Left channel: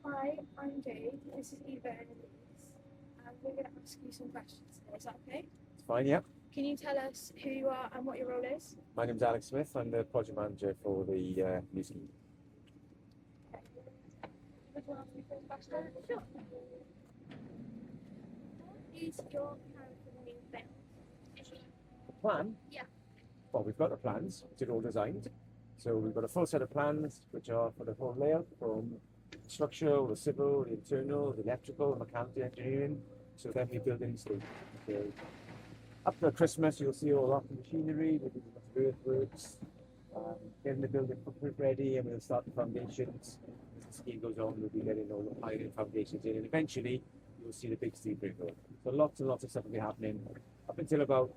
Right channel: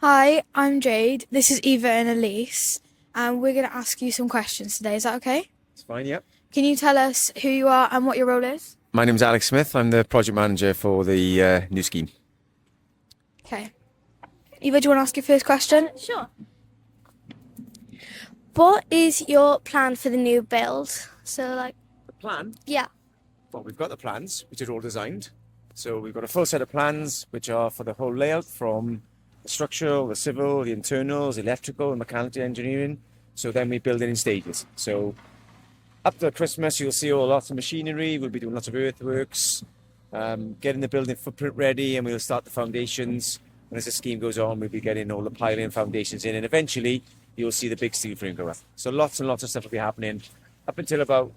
Hi, I'm Jade. This is Eva and Elise, and we're going to ask you some questions today. Is that okay? It's fine, yeah. Can you tell us who you are and what your role is? My name's Alex Smith. I'm the project manager for the new scheme. Okay. Eva, do you want to ask your first question? Sure. What is your plan for the new build? The plan? Yeah. Well, we've got the plans, which are all designed. So we've got a full set of plans, which are for the whole layout, from the structural, the civil, the internals, electrical, and mechanical engineering. So then we build it in stages. So up to Christmas, you'll see lots of machinery. We'll be doing lots of earthworks, getting the building footprint ready, and we'll start the foundations. And as the scheme goes on, we'll be getting all the piling and foundations in, and eventually you'll see the big steel frame go up. So lots and lots of stuff will be happening up until about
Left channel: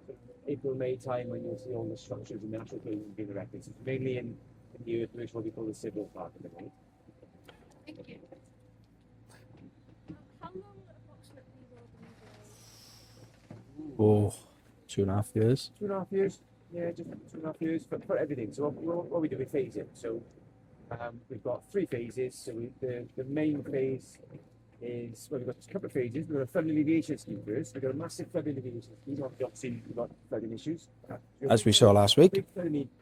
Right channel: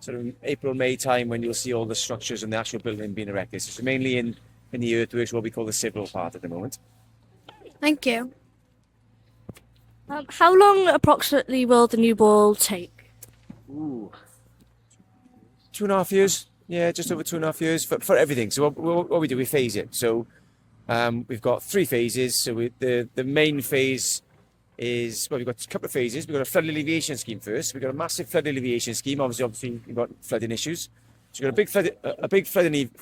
sort of April, May time, when you'll see all the structures and the actual building being erected. So it's mainly in the earthworks, what we call the civil part at the moment. Thank you. How long approximately will the new build take? Oh, 2.5 years. 2.5 years, yeah, just over 2.5 years for everything. So what we do, we phase it. So we've got 3 phases. So the main phase is, well, we've got a couple of phases. We've got a flood alleviation scheme first. We've got a massive flood alleviation scheme. Obviously we've got flooding issues. So we've got As we saw last week. a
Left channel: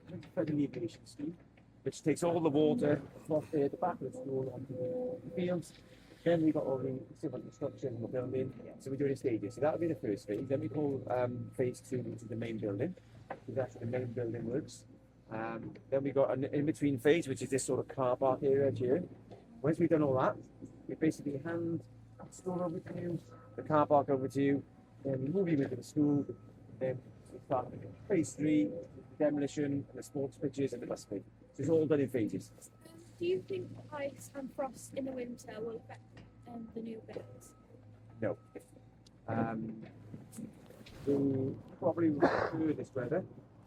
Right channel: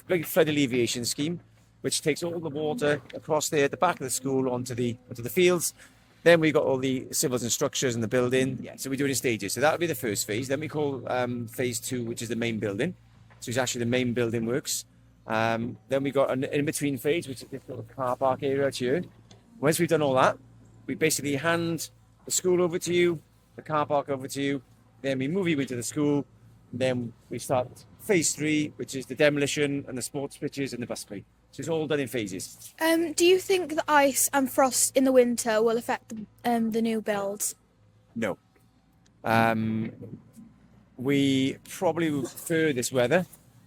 big flood alleviation scheme, which takes all the water across there at the back of the school onto the fields. Then we've got all the civils and structures in the building. Yeah, so we do it in stages. So that'll be the first phase. Then we call phase 2, which is the main building. So it's actually the main building works. Then we've got an in-between phase, which is this sort of car park area out here. Once we've done all that, we basically hand the school over to you, the car park over to you, then we move you into the school, and then we start phase 3, which is the demolition and the sports pitches and the bus play. So it's all done in phases. Do you think the ice and frost in the winter will affect the new build? No. We probably would prefer this weather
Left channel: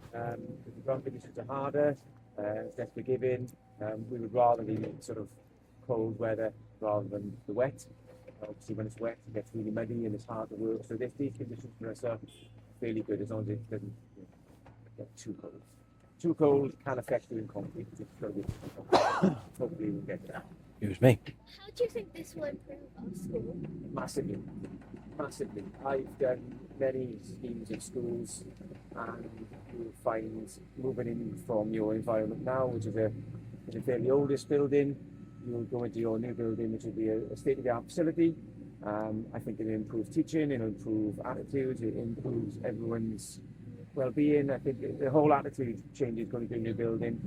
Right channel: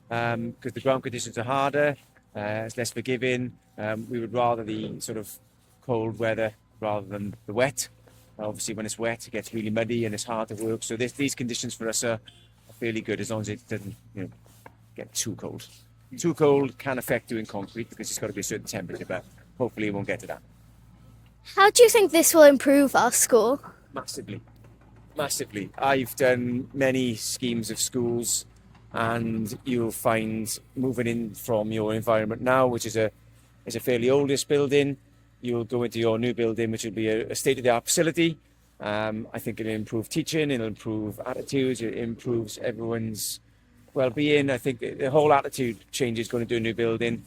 because the ground conditions are harder, it's less forgiving. We would rather the sort of cold weather rather than the wet. Obviously, when it's wet, it gets really muddy and it's hard to work. So these conditions for us are fairly good, as long as it doesn't, get too cold. Too cold can affect doing concrete because it's got to be a certain temperature, but hopefully it won't get to that. It was me. How do you think this will improve our school? Massively. I've done many schemes of schools, and you'll find moving in from your environment now, which is a fairly oldest building, you'll go into your new building, which will be a state-of-the-art facility. I think it'll improve teaching, it'll improve attitudes, it improves everyone's well-being. I think the whole attitude changes going into a new building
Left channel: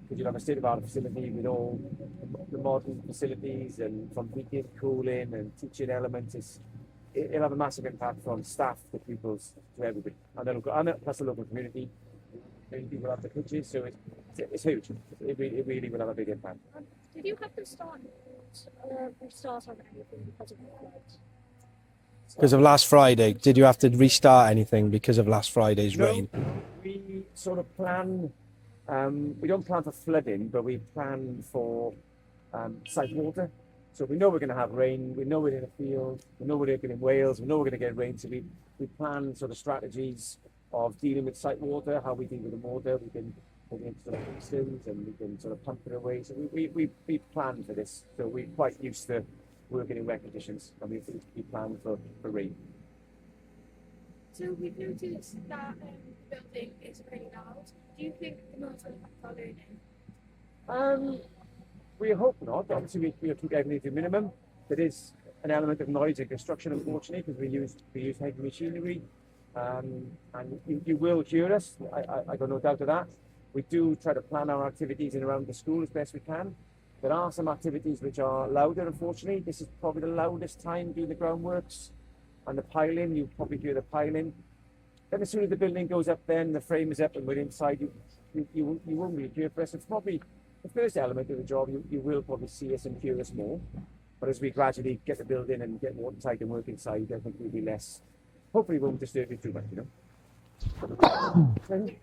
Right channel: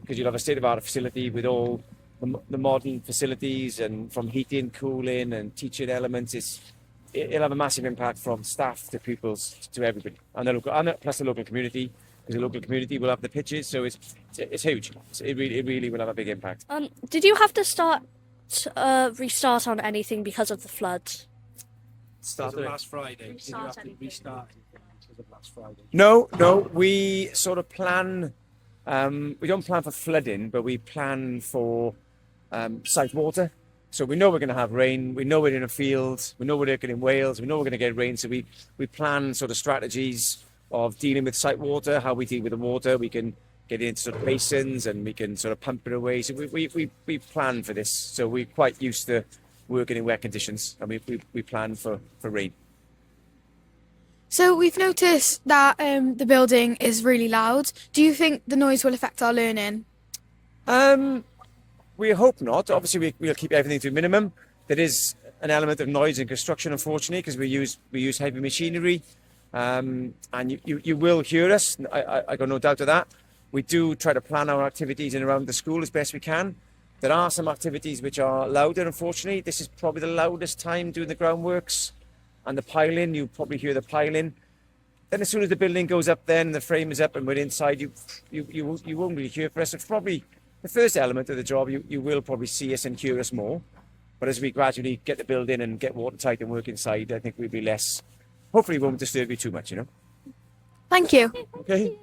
because you'll have a state-of-the-art facility with all the modern facilities, and from heating, cooling, and teaching elements. It'll have a massive impact from staff to pupils to everybody, and plus the local community, because the local community will have the pitches. So it's huge. It really will have a big impact. Did you have to restart on anything because of the floods? Because of last Friday. Did you have to restart anything because of last Friday's rain? No. We sort of plan. We don't plan for flooding, but we plan for site water. So we know we're going to have rain. We know we're in a field. We know we're working in Wales. We know we're going to get rain. So we plan sort of strategies of dealing with site water, how we deal with the water. We can get into sort of basins and we can sort of pump it away. So we plan for this. So we're quite used to working in wet conditions, and we plan for rain. So we've noticed that the building is really loud. Do you think the noise will affect our learning? We hope not. Obviously, we'll keep everything to a minimum. There is an element of noise in construction, unfortunately, because we use heavy machinery, and you will hear us. I got no doubt of that. We do try to plan our activities in around the school as best we can. There are some activities which are louder, unfortunately. This is probably the loudest time doing the groundworks and the piling. You probably hear the piling. Then as soon as the building goes up, then the frame is up and we're inside, you won't really hear for us. It's probably the first element of the job. You will probably see us and hear us more. But as we gradually get the building and get watertight and work inside, I think we'll be less. Hopefully, it won't disturb you too much, Thank you. Okay.